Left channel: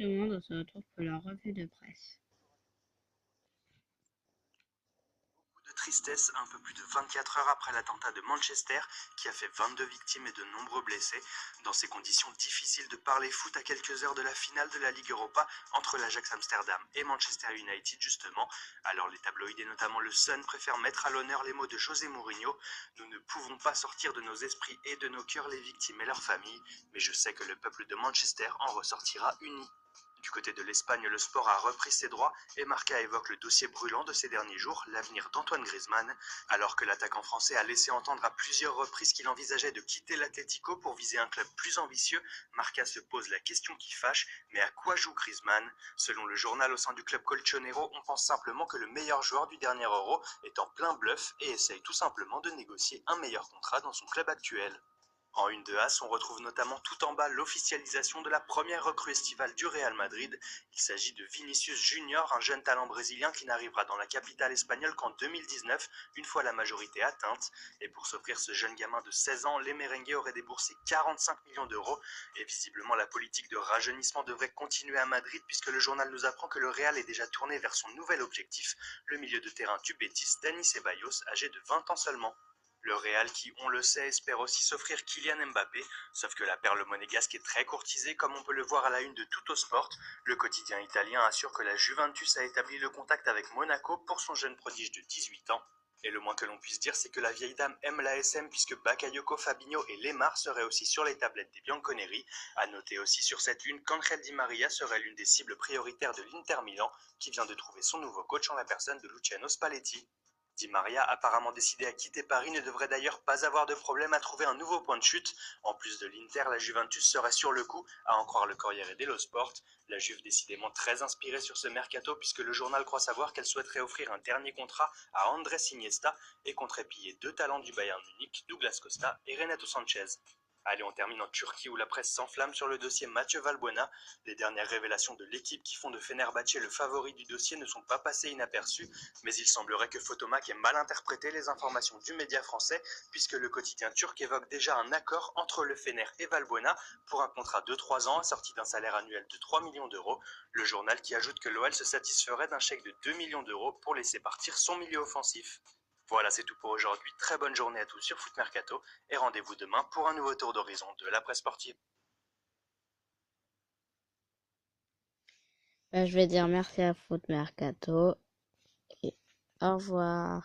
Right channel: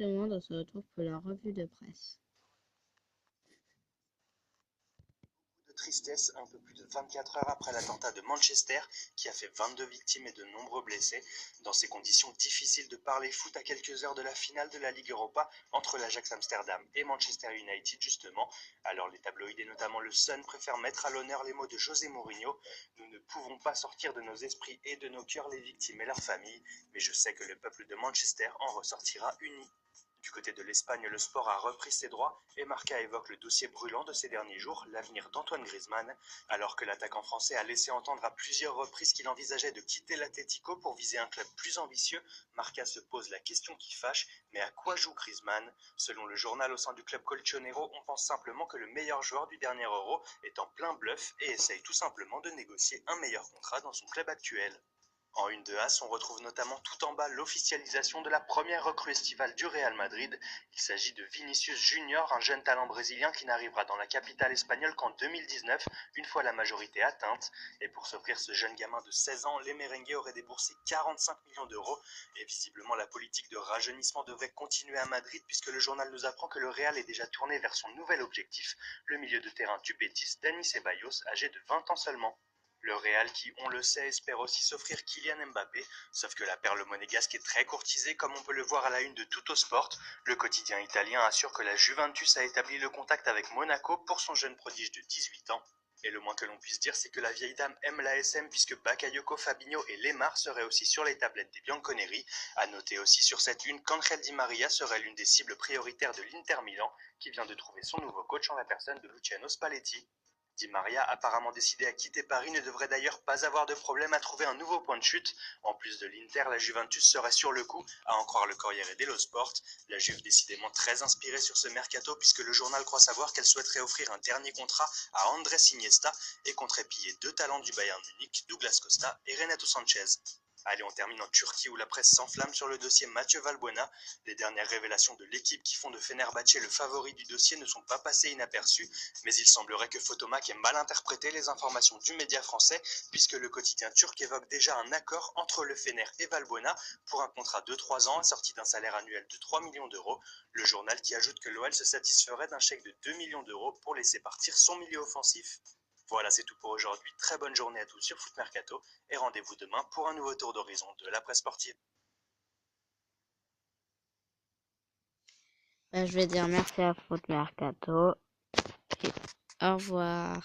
monde, on se retrouve pour la revue de presse. De tristesse, un peu plus de 24 heures après l'attentat de Manchester, qui a fait 22 victimes et de nombreux blessés. Dans ces conditions difficiles de parler foot à quelques heures de la finale de la Ligue Europa entre l'Ajax Amsterdam et Manchester United justement, alors les tabloïds et notamment le Sun préfèrent mettre à l'honneur les mots de José Mourinho. Nous ne pouvons pas sortir de nos esprits et de nos cœurs les victimes et leurs familles, mais je sais que le peuple de Manchester en ressortira uni. Du côté de l'Espagne, le sport a repris ses droits et Marca évoque le dossier brûlant de ces derniers jours, l'avenir d'Antoine Griezmann, alors que l'attaquant français a laissé entendre à plusieurs reprises qu'il envisageait de quitter l'Atlético pour viser un club plus ambitieux. Marca se pose la question qui fâche, mais à quoi joue Griezmann? Selon le journal au sein du club colchonero, on pense simplement que le meilleur joueur du dernier Euro est en plein bluff et essaye tout simplement de négocier un meilleur contrat dans son club actuel. En une de As, on retrouve notamment tout en bas l'officialisation de la première recrue estivale du Real Madrid. Il s'agit de Vinicius Junior, un jeune talent brésilien qui n'arrivera dans la capitale espagnole qu'en 2019, une fois la majorité atteinte. Et pour s'offrir ce jeune gamin de 16 ans, les merengues auraient déboursé 45 millions d'euros. Et visiblement, la politique de rajeunissement devrait continuer à Madrid puisque le journal nous apprend que le Real est déjà tourné vers son nouvel objectif, le milieu de terrain du Betis, Dani Ceballos, âgé de 20 ans seulement. Le Real qui, on le sait, espère aussi s'offrir Kylian Mbappé, sauf que la perle monégasque est très courtisée comme on peut le voir à la une de Tuttosport. Le quotidien italien assure que la Juventus a établi le contact avec Monaco pour son jeune prodige de 18 ans. Et le moins que l'on puisse dire, c'est que la vieille dame aime la SM puisque Bakayoko, Fabinho et Lemar seraient aussi sur les tablettes des Bianconeri. À noter aussi sur cette une qu'Angel Di Maria serait l'une des cibles prioritaires de l'Inter Milan, qui vient de trouver son nouveau coach en la personne de Luciano Spalletti. Di Maria, apparemment décidé à quitter Paris, ne devrait d'ailleurs pas avoir de problème à trouver un nouveau point de chute. En plus de l'Inter, la Juventus serait sur le coup, à en croire le Corriere dello Sport. La Juve décidément très inspirée sur ce mercato puisque le journal croit savoir qu'elle souhaiterait offrir un dernier contrat à Andrés Iniesta et compterait piller deux talents du Bayern Munich, Douglas Costa et Renato Sanchez. Allez, on termine en Turquie où la presse s'enflamme sur le dossier Mathieu Valbuena. Les dernières révélations de l'équipe qui font de Fenerbahçe le favori du dossier ne sont pas passées inaperçues, mais il semblerait que Photomac ait mal interprété les informations du média français, puisque le quotidien turc évoque déjà un accord entre le Fener et Valbuena pour un contrat de 3 ans assorti d'un salaire annuel de 3 millions d'euros. Le journal qui ajoute que l'OL se satisferait d'un chèque de 2 millions d'euros pour laisser partir son milieu offensif. Voilà, c'est tout pour aujourd'hui. Très bonne journée à tous sur Foot Mercato et rendez-vous demain pour un nouveau tour d'horizon de la presse sportive. Je vais dire merci à Foot Mercato et au revoir.